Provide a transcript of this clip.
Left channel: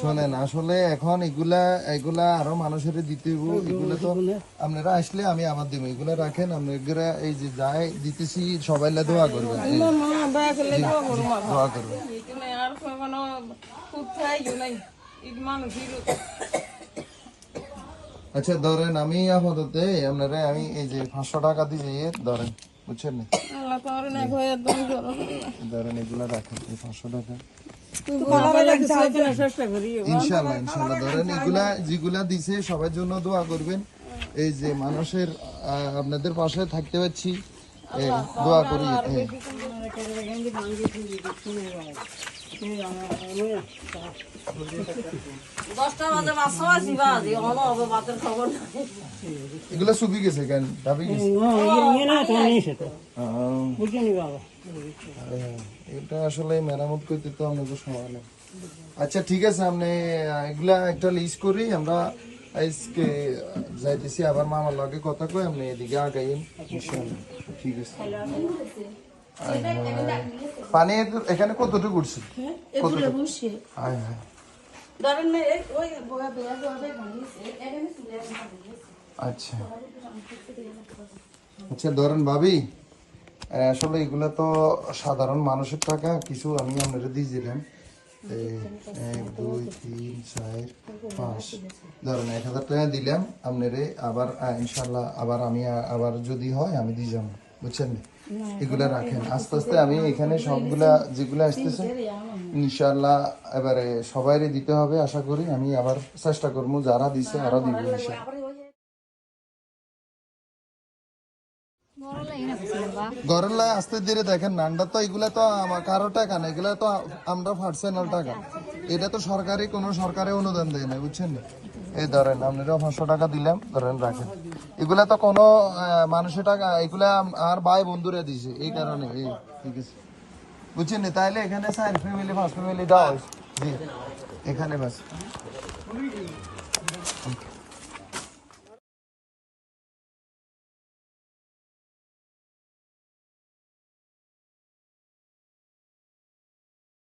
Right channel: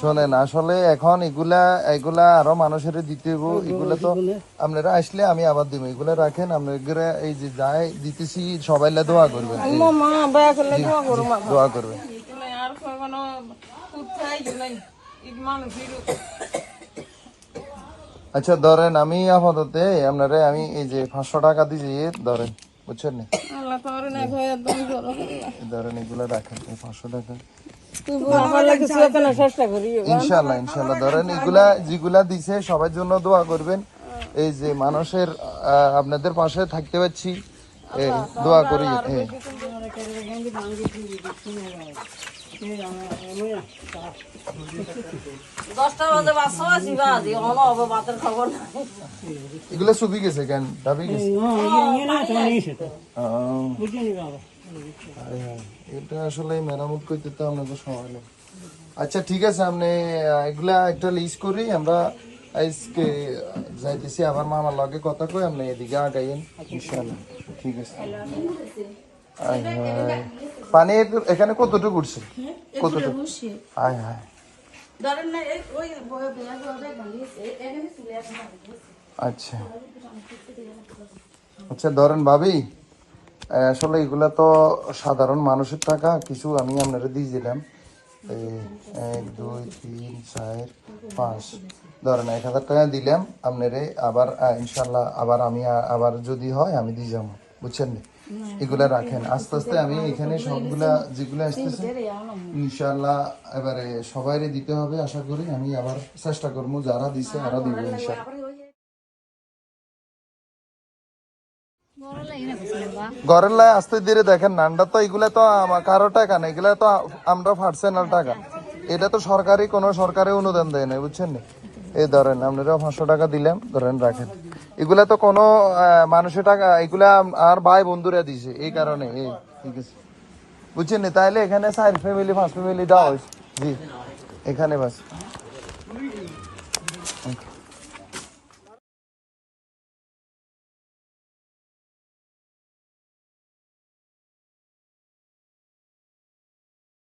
শোনেন আসলে এখন এগুলা এগুলা আরও মানুষের দিতে হইব। এগুলা তো আপনারা আসলে আমি আবার দিব। এগুলা রাখেন আপনারা এই যে যাই দিতেছি সবাই দোয়া করবেন। দোয়া করবেন। আচ্ছা ধরেন আমি আপাতত আপনারা আমি এই যে পাঁচশো টাকা দিয়েছি ধরেন। বুঝছেন না আল্লাহ তোর না ভয় একদম করো ধরেন এগুলো রাখেন এই পাঁচশো টাকা ইনশাল্লাহ ইনশাল্লাহ ধরেন এগুলা যেগুলা দিছে সবার জন্য দোয়া করবেন এই যে মানুষের আপনাদের পাশে থাকতে পারছি দোয়া করি এগুলো চুপি গেছে কেন? দাবি গেছে। আরে হ্যাঁ, এটা আসলে মেরামত করতে তো আমাদের সময় নেই। আচ্ছা ঠিক আছে আপনি এগুলা একটা লিস্ট করি আমরা আজকে যাইতেছি। আবার মামার লগে কথা কই আপনি এদিকে আগাইন ইনশাআল্লাহ। ঠিক আছে। পানি এখানে কতটুকু উঠছে? কতটুকু? আয় হায় ওই আচ্ছা। আচ্ছা ধরেন ভাবি আসলে এগুলা তো সাধারণ মানুষের টাকা কিছু আমি আপনারা দিয়ে দিলাম। এক দুই তিন চার পাঁচ। ধরেন এক হাজার টাকা দিলাম আপনারে আবার ইনশাল্লাহ আবার আমি আবার যদি হয় আমি দিয়ে যাব। বুঝছেন? এগুলা রাখেন। আস্তে আস্তে আমি এখানে সবগুলা যেগুলো আসতেছে ইনশাল্লাহ এবারে সবাইরে দিতে হবে আশা করি। আমি আবার চেষ্টা করব যারা দিছে আরও দিব ইনশাল্লাহ ঘরের লাই আস্তে ধীরে দেখেন নান্ডা তো এগুলা তো আমার কারও টাকা না এগুলা তো আমরা পার্সোনাল টাকা। এটা তো সরকারি কোনো সরকারি অনুদান দেয় না বুঝছেন? না এই ধরেন আপনারা পাঁচশো টাকা দিলেন ধরেন রাখেন। এগুলা তো কোনো মানুষের টাকা, এগুলা আর ভাই বন্ধুরা দিছে, এই কারণে, এই, ঠিক আছে। বুঝছেন না? তাহলে এখানে চার ফ্যামিলি পাঁচ ফ্যামিলি দাও। জি, এখানে বাস।